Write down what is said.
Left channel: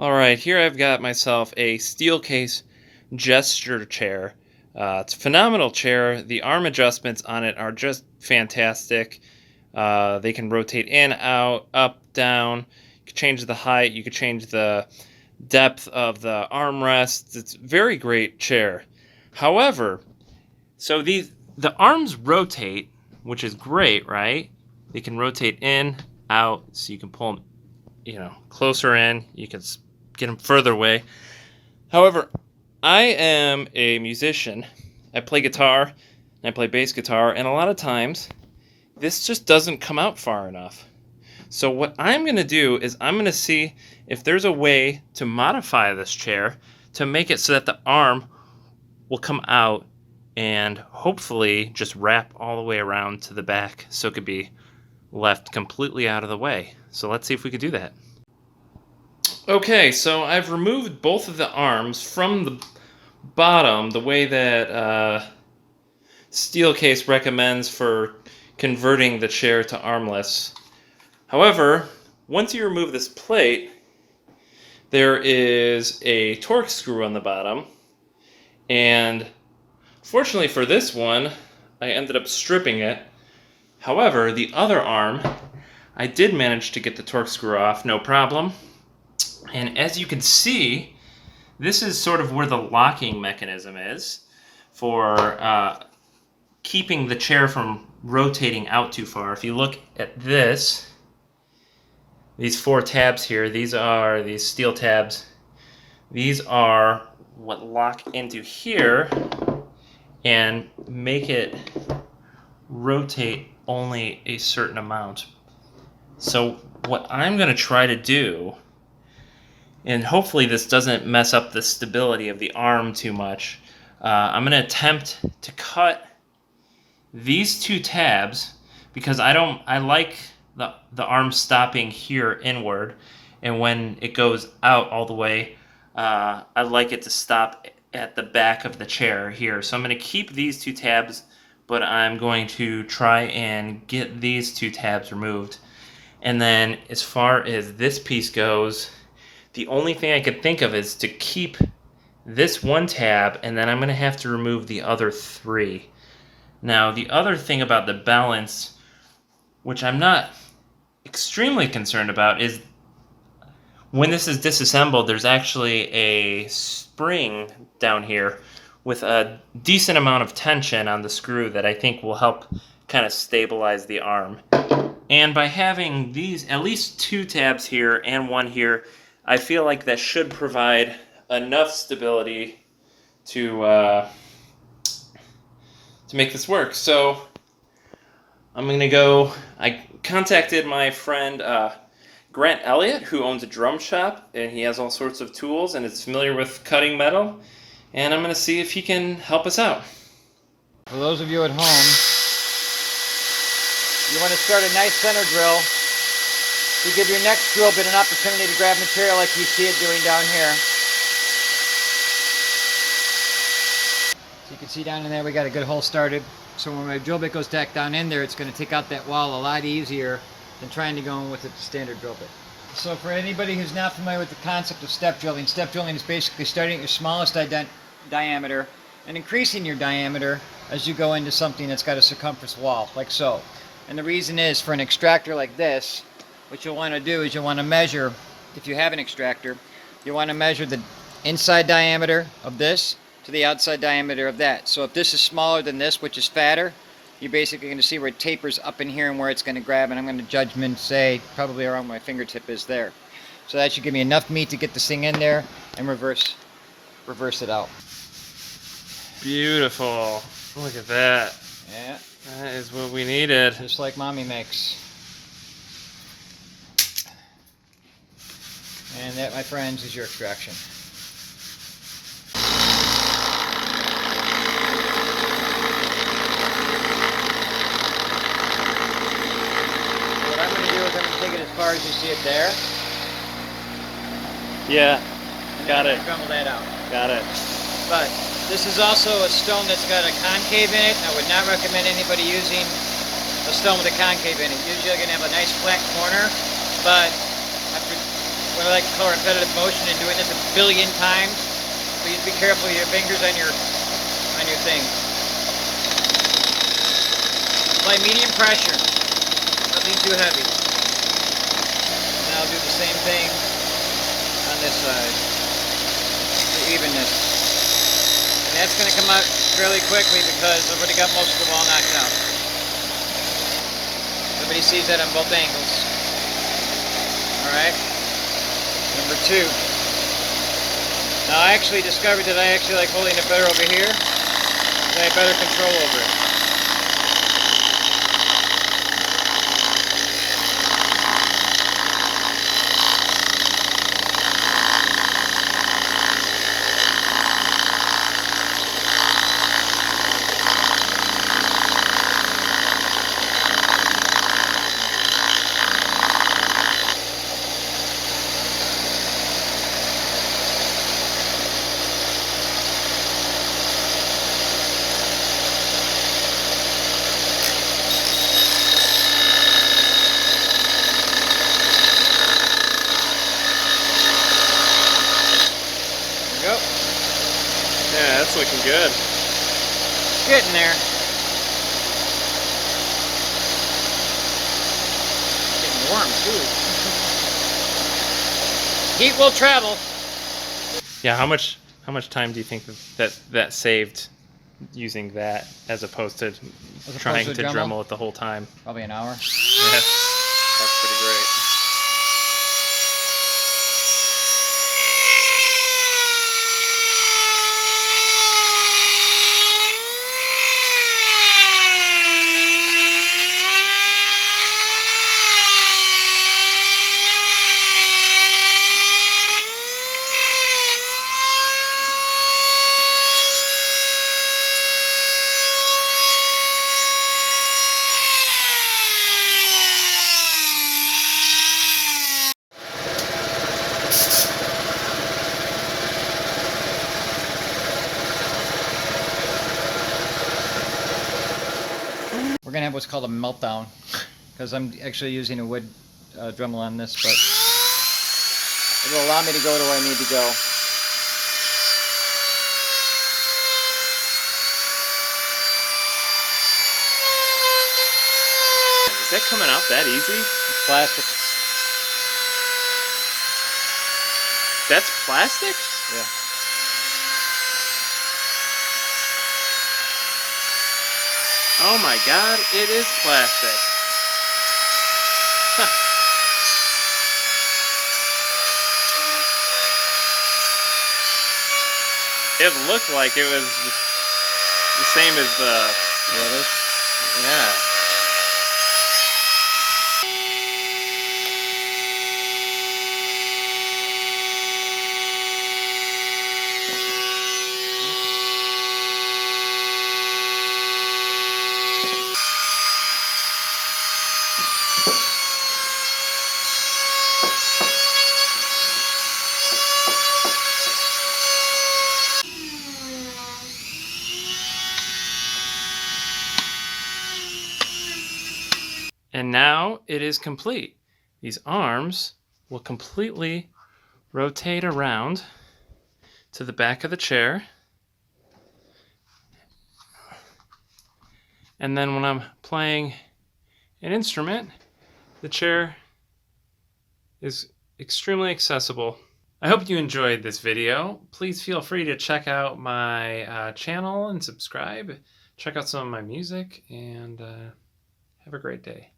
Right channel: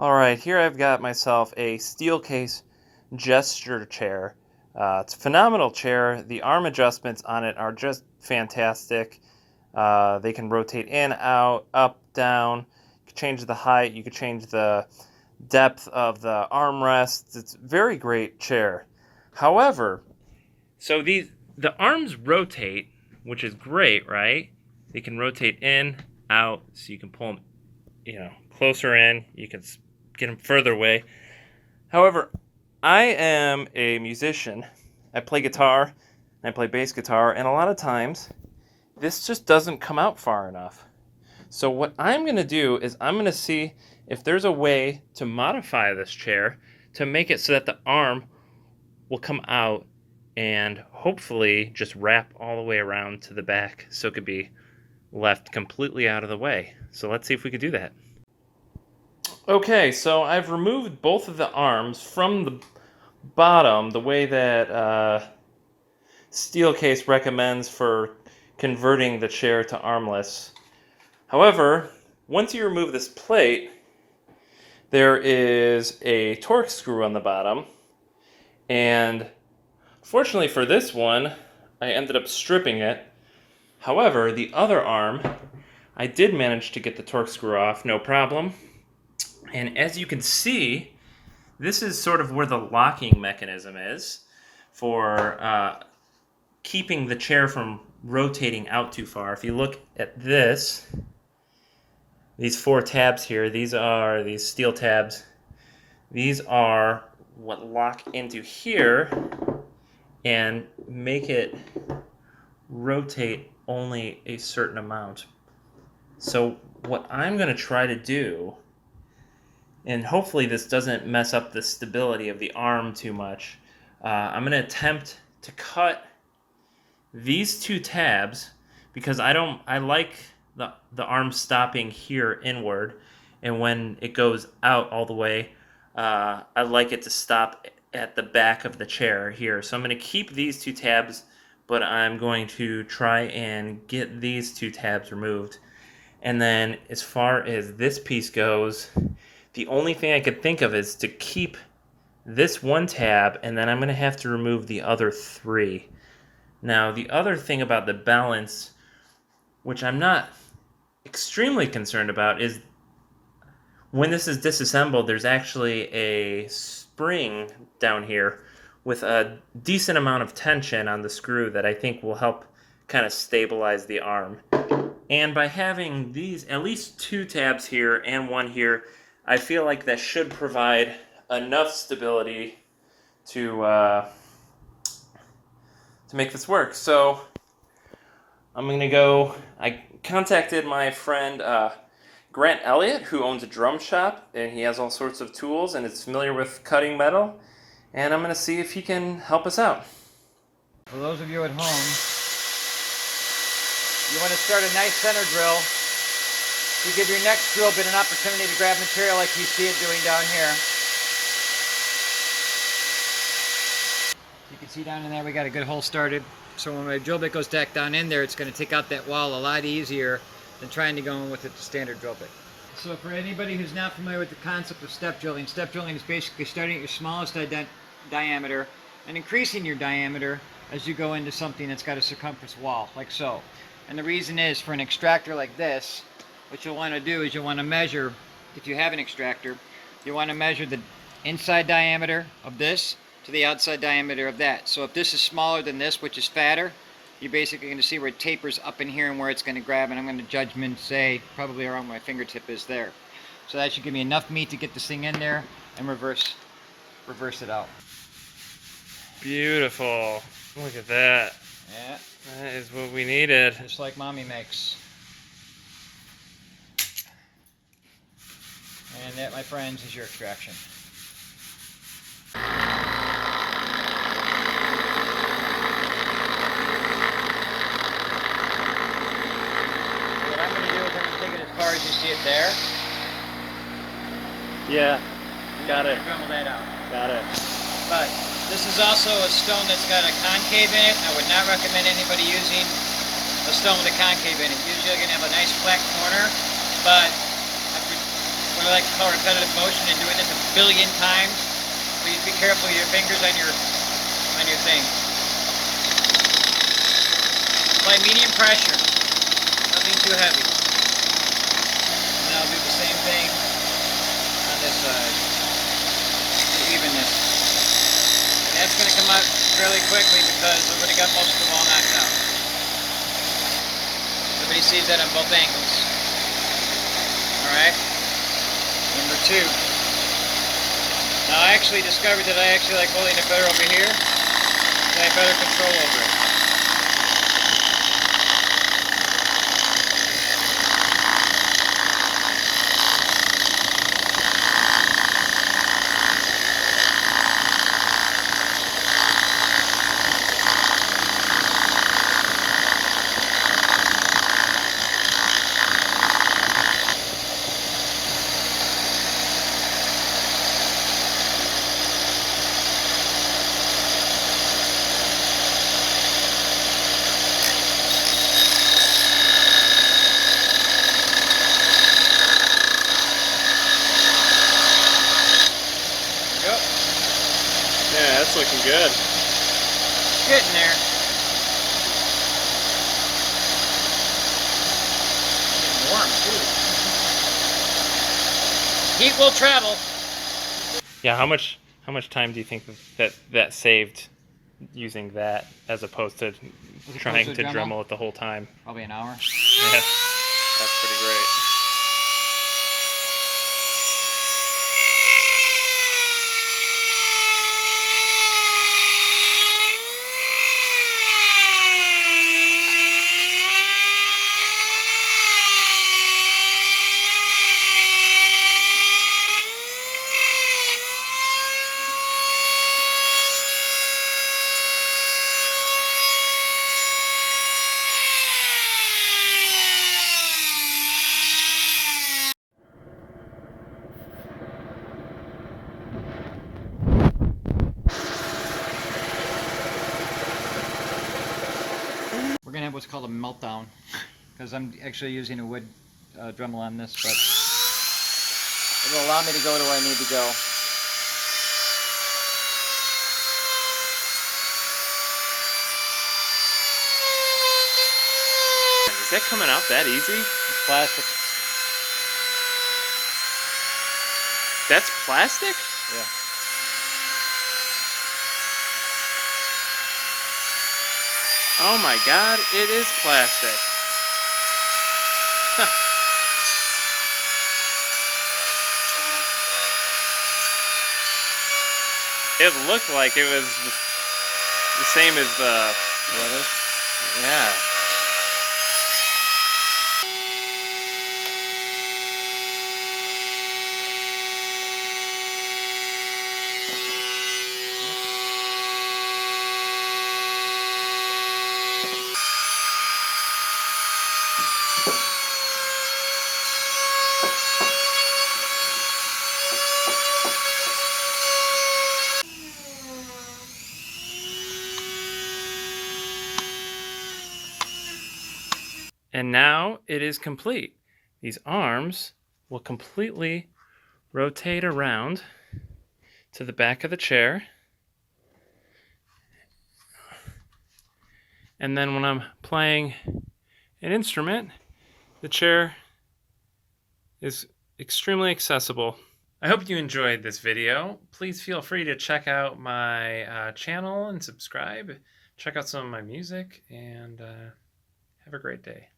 Alright, here I've got myself a Steelcase gesture chair. It's a phenomenal chair. The arm adjustments on it are just fantastic. They can rotate in, out, up, down. You can change the height, you can change the depth of the armrests. It's a very great chair. However, the arms rotate, which is great, right? They can rotate in, out, so you can pull them, closer in. You can get them further away. However, I am a musician. I play guitar, and I play bass guitar, and a lot of times this just doesn't come out far enough. So what I'm going to do is I'm going to see if there's a way to modify this chair to make it so that the arm will come out and hopefully just wrap all the way around to the back so it could be left completely out of the way. So let's see if we could do that. Okay, so I've removed both of the arms from the bottom the way that Steelcase recommends for converting the chair to armless. However, once you remove this plate, there is a torque screw on the bottom, and fortunately for this one, I ended up stripping it. However, the other arm, I did manage to get the torque screw off, no problem. And as you can see, this is sort of where the locking mechanism is for keeping the chair from rotating out too far. If you look at this, these 4 tabs here, these are these steel tabs. These are what lock into here and make it rotate only a certain amount. So what I'm going to try to do, and hopefully this doesn't mess up the stability of the arm too much, I'm going to attempt to cut these 2 tabs because I like the arm stopping here inward, and when it goes out all the way, I like it to stop at the back of the chair here. So I'm going to keep these 2 tabs, but I'm going to try and get these 2 tabs removed. And then as far as this piece goes, the only thing I could think of is to keep this 1 tab, and then I'm going to have to remove the other 3. Now, the other thing about the balance, which I'm not extremely concerned about, is when this is disassembled, there's actually a spring down here with a decent amount of tension on the screw that I think will help kind of stabilize the arm. And by having these, at least 2 tabs here and 1 here, I feel like that should provide enough stability to make this work. So I'm going to go, I contacted my friend Grant Elliott, who owns a drum shop, and he has all sorts of tools and is familiar with cutting metal, and I'm going to see if he can help us out. For those of you at home, you want to start a nice center drill to give your next drill bit an opportunity to grab material like you see it doing down here. So you can see down in there we got a good hole started. So when my drill bit goes back down in there, it's going to take out that wall a lot easier than trying to go in with a standard drill bit. So for anybody who's not familiar with the concept of step drilling is basically starting at your smallest diameter and increasing your diameter as you go into something that's got a circumference wall, like so. And the reason is, for an extractor like this, what you'll want to do is you'll want to measure, if you have an extractor, you want to measure the inside diameter of this to the outside diameter of that. So if this is smaller than this, which is fatter, you're basically going to see where it tapers up in here and where it's going to grab, and I'm going to judgment say probably around where my fingertip is there. So that should give me enough meat to get this thing in there and reverse it out. Beautiful. Look at that. Yeah. That is what we needed. Just like Mommy makes. And that, my friends, is your extraction. What I'm going to do is I'm going to take it as far as you see it there. Yeah, got it. Crumble that out. Got it. But this is also a stone that's got a concave in it. I would not recommend anybody using a stone with a concave in it. Usually you're going to have a nice flat corner, but what I like to call repetitive motion, and doing this a billion times. Please be careful of your fingers on your thing. Apply medium pressure, nothing too heavy. And I'll do the same thing on this side for evenness. And that's going to come out fairly quickly because I've already got most of the wall knocked out. Everybody sees that on both angles. Alright. Number 2. Now I actually discovered that I actually like holding it better over here. So I have better control over it. Yeah, that's looking good. Getting there. Getting warm too. Heat will travel. Yeah, how much time do you think that saved using that as opposed to trying to Dremel it the whole time? Probably an hour. Yeah, that's pretty great. We're gonna have what's called a meltdown because I'm actually using a wood Dremel on this, but it will allow me to go to where I need to go. Is that coming out that easy? Plastic. That's plastic? Yeah. Oh my god, it is plastic. It looked like it was the same as the Really? yeah. And now it is complete. These arms will completely rotate around to the back of the chair. And then when I'm playing an instrument, the chair is extremely accessible. I hope you enjoyed this video. Please feel free to check out my channel and subscribe. Check out some of my music, and have a great day.